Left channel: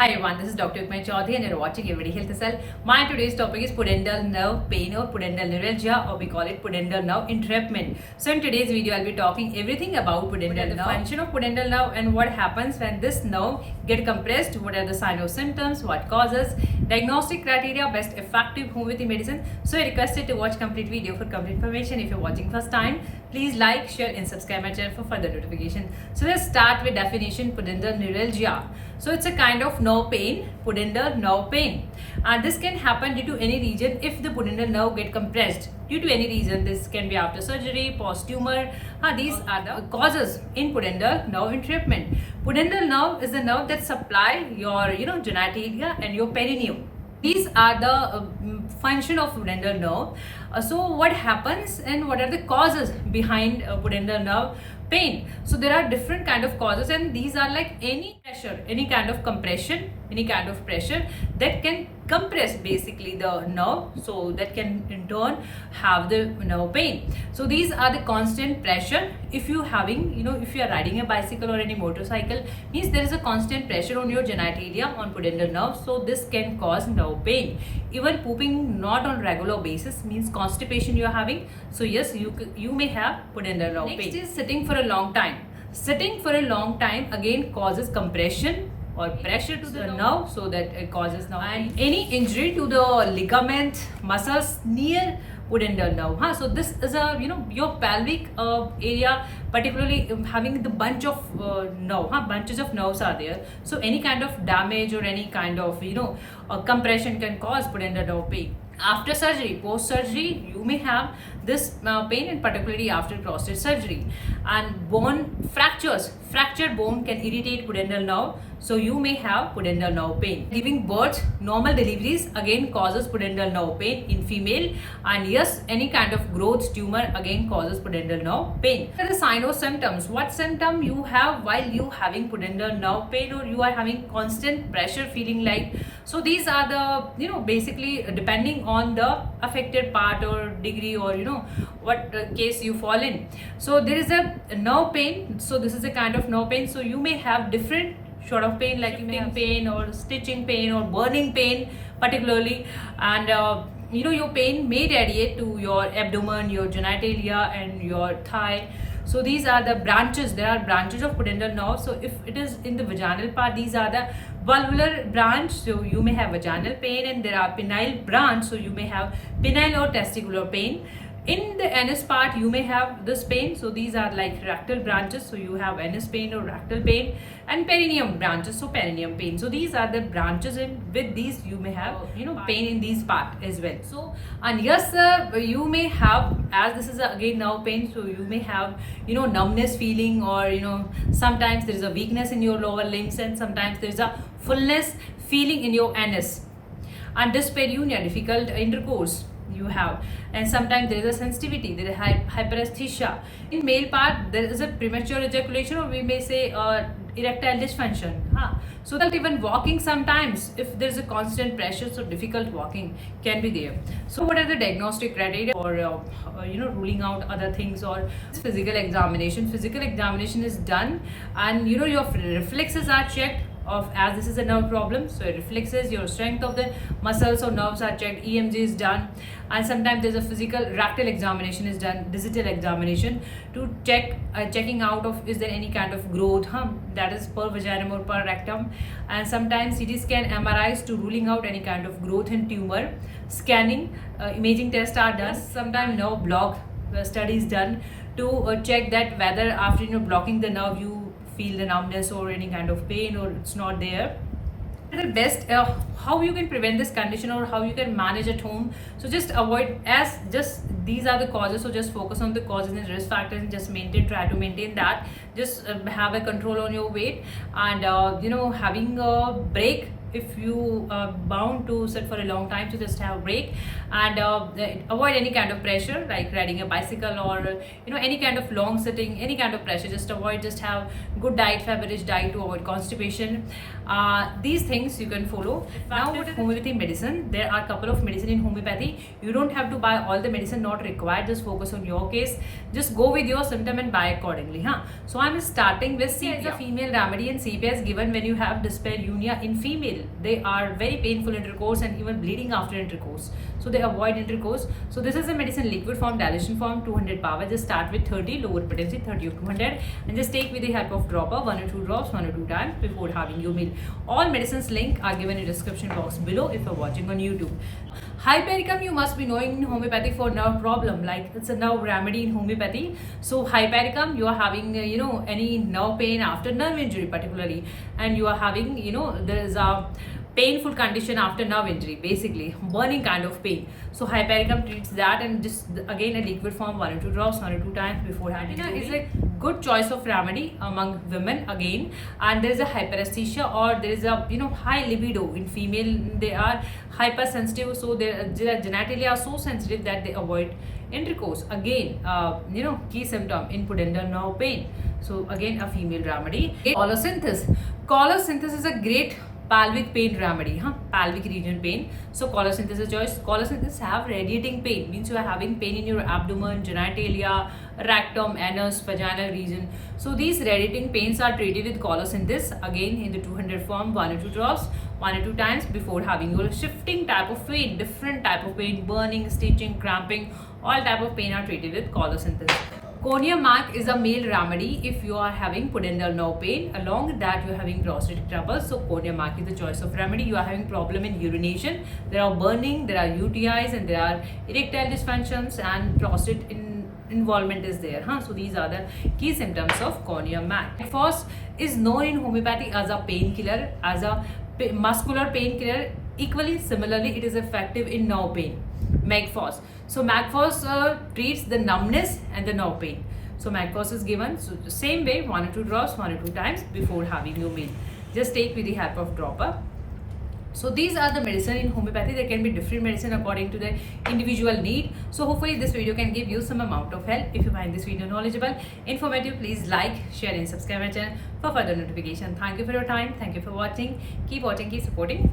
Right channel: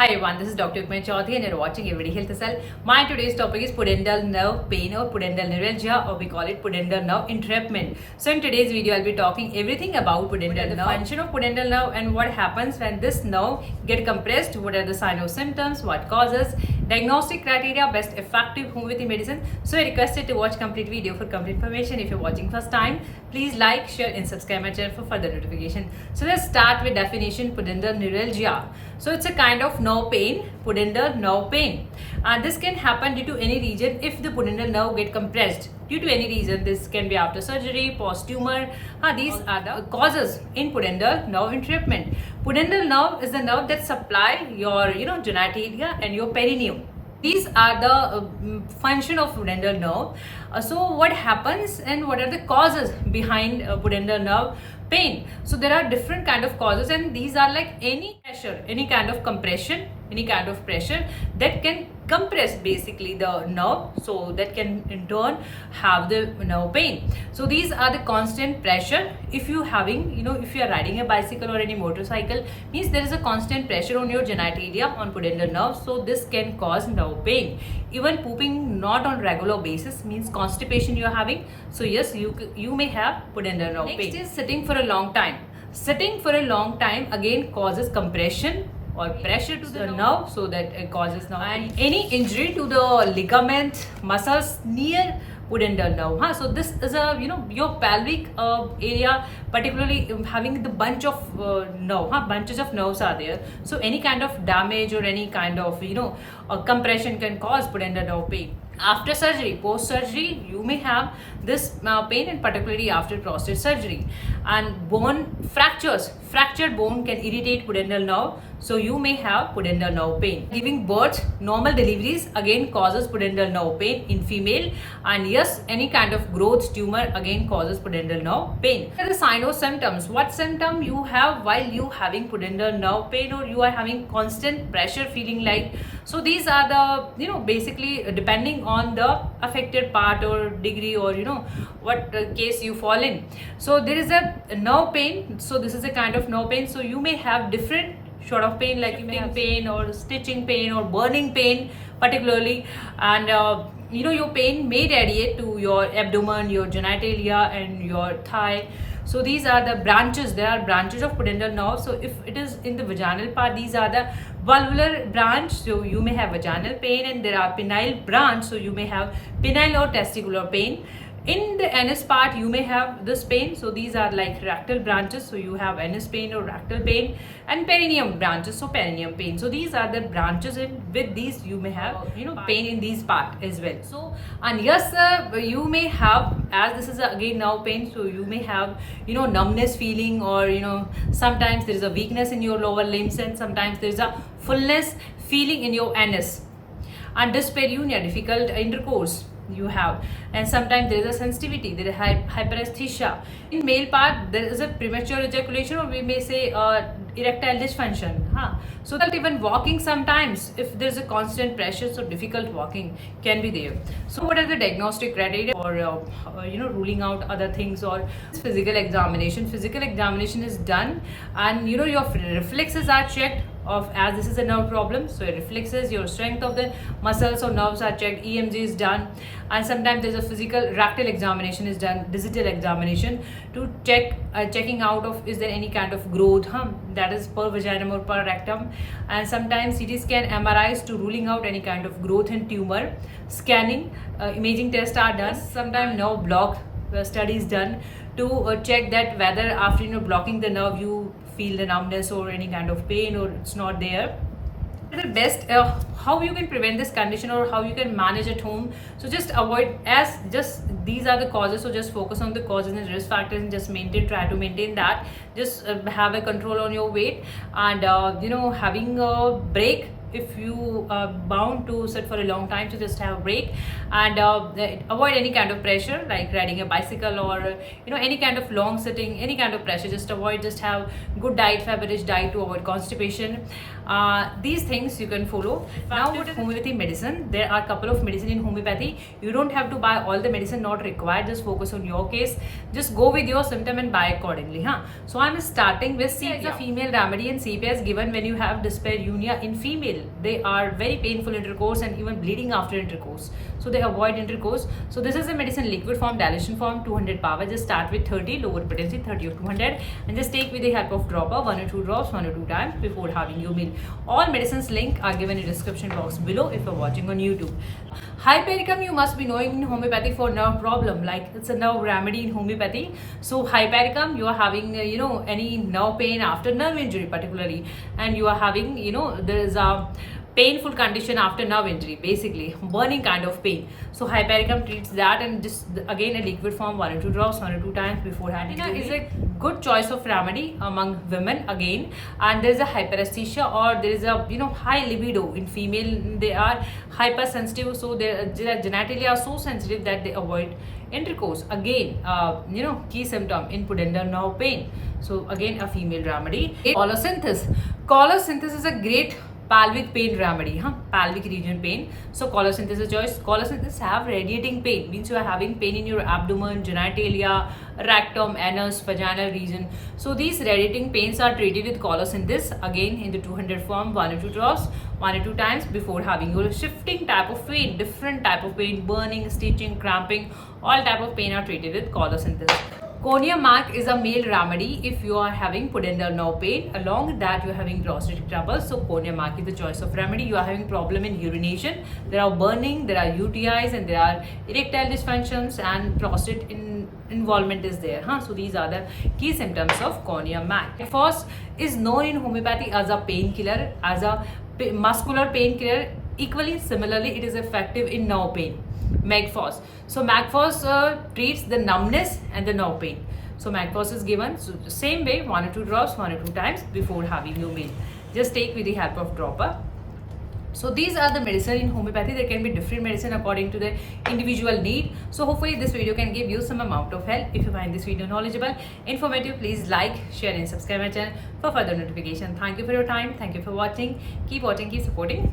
Hi everyone, this is Dr. Ukmay Chaudhary and you're watching Everyday Health Cell. My today's topic is pudendal nerve pain or pudendal neuralgia, or we call it pudendal nerve entrapment. So in today's video, I'll be talking everything about pudendal nerve, the function of pudendal nerve and what happens when this nerve get compressed, what are the signs or symptoms, what causes, diagnostic criteria, best effective homeopathy medicine. So I request you to watch complete video for complete information. If you're watching first time, please like, share and subscribe my channel for further notification. So let's start with definition pudendal neuralgia. So it's a kind of nerve pain, pudendal nerve pain. And this can happen due to any reason if the pudendal nerve get compressed. Due to any reason, this can be after surgery, post-tumor. These are the causes in pudendal nerve entrapment. Pudendal nerve is the nerve that supply your genitalia and your perineum. These are the function of pudendal nerve. So what happens and what are the causes behind pudendal nerve pain? So there are different kind of causes, and these are like any pressure, any kind of compression, any kind of pressure that can compress basically the nerve, so that can in turn have the nerve pain. So these are the constant pressure. If you having if you are riding a bicycle or any motorcycle, means there is a constant pressure on your genitalia, on pudendal nerve, so this can cause nerve pain. Even pooping not on regular basis, means constipation you are having, so yes, you may have pudendal nerve pain. Next is sitting for a long time. Sitting for a long time again causes compression or pressure to the nerve, so that it causes nerve. And any injury to the ligament, muscles near pudendal nerve. So this is a your pelvic area, particularly having the bunch of bunches of nerves are there. So any kind of damage or any kind of compression can cause pudendal nerve pain. After surgery, post surgery, you may have this pain, and particularly after prostate surgery. And bone fractures, fractured bone can irritate pudendal nerve, so you may have pudendal nerve pain. Giving birth, normal deliveries again causes pudendal nerve pain in female. And yes, any kind of growth, tumor again causes pudendal nerve pain. What are the signs or symptoms? What symptom you have while you having pudendal nerve pain, or you are having constant pressure feeling like? So these are the basically depending on the affected part or degree, or what case you fall in. So there is a nerve pain. So this is a kind of nerve pain. So you may have different sort of pain, like shifting pain or stitching pain or burning pain particularly. And your pain may radiate to your abdomen, your genitalia and your thigh. So these are the branches. There are branches of pudendal nerve. So if it is in the vaginal part, these are the vulvar branch, so you may have vaginal pain. And there are penile branch, so you may have penile or testicular pain. In the anus part, you may have this pain. So these are like rectal branches, so you have anus pain or rectal pain. And perineum branches, so perineum pain. So these are the branches, and with these you may have pain in these part as well. So, and yes, you may have, as this is again nerve pain, so you may have numbness feeling, or sometimes there is a weakness in your lower limbs, and sometimes there is a fullness feeling in your anus. And dyspareunia, difficult intercourse you have. And sometimes there is a sensitivity, there is hyperesthesia. In male part, there is a premature ejaculation, or we may say erectile dysfunction. So that even walking, sometimes if there is a constant pressure, so difficult walking can be there. So what are the diagnostic criteria for ruling out other things? Or physical examination. Physical examination is done, and your reflexes are checked of, as this is a nerve problem, so your reflexes, your strength of the muscles or nerves are checked. EMG is done. And sometimes there's a physical rectal examination is done, digital examination, to checking out of is there any kind of growth, that is per vaginum or per rectum. And sometimes CT scan, MRIs to ruling out any kind of growth and tumor. Scanning, imaging tests are done. Sometimes nerve block studies done to check that whether after blocking the nerve you feel the numbness or any kind of pain, or it's not there. The best how you can prevent this condition, or how you can manage at home. So just avoid, as just these are the causes, so just focus on the causes and risk factors, and just try to maintain that. Just have a control on your weight, and having a break. If you are bound to sit for a long time, so just have a break. And avoid any kind of pressure, like riding a bicycle, or any kind of long sitting, any kind of pressure, just avoid. Just have good diet, fiber-rich diet to avoid constipation. These things you can follow. Now what is homeopathy medicine? There are a couple of medicine in homeopathy. You don't have to buy all the medicine, not required. Just focus on your case. Just go with your symptom and buy accordingly. So So I'm starting with sepia. It's a female remedy, and sepia is given when you have dyspareunia in female. They are very painful intercourse and even bleeding after intercourse. So they avoid intercourse. So this is a medicine liquid form, dilution form, 200 power. Just start with 30, lower potency 30 or 200, and just take with the help of dropper 1 or 2 drops 1 or 2 times before having your meal. All medicines link are given in the description box below if you're watching on YouTube. Hypericum you must be knowing in homeopathy for nerve problem, like it's a nerve remedy in homeopathy. So hypericum, you are having any nerve pain after nerve injury particularly, and you are having there is a painful condition after nerve injury, basically burning kind of pain. So hypericum treats that, and just again a liquid form 1 or 2 drops 1 or 2 times before having is a good choice of remedy among women again. And there is a hyperesthesia, or there is a high libido in female. They are hypersensitive, so their genitalia are so sensitive that they avoid intercourse. Again, key symptom in pudendal nerve pain. So again a female remedy. Colosynthesis. Colosynthesis is a great pelvic pain remedy, pelvic region pain. So colosynthesis choice. Colosynthesis have radiating pain, means you are having pain in your abdomen, genitalia, rectum, anus, vaginal region. So these radiating pains are treated with colosynthesis, again in the 200 form, 1 or 2 drops 1 or 2 times before having your shifting type of pain, different type of pain, burning, stitching, cramping, all type of pain are treated with colosynthesis. Cornea mac is a male remedy if you are having pudendal nerve pain. Along with that, you are having prostatic trouble. So cornea mac is the choice of remedy. You are having problem in urination. There are burning, there are UTIs, and there are erectile dysfunctions, and prostate involvement is there. So these are the key symptoms of cornea mac. First is known in homeopathy as a painkiller, as a muscular painkiller. Equally, similarly, it is effective in nerve pain. Magphos. So Magphos treats the numbness and the nerve pain. So Magphos is given the same way, 1 or 2 drops 1 or 2 times before having your meal. Just take with the help of dropper. So these are the medicine in homeopathy. There can be different medicine according to the individual need. So hopefully this video can give you some amount of help. If you find this video knowledgeable, informative, please like, share and subscribe my channel for further notification. Thank you for your time. Thank you for watching. Keep watching, keep supporting.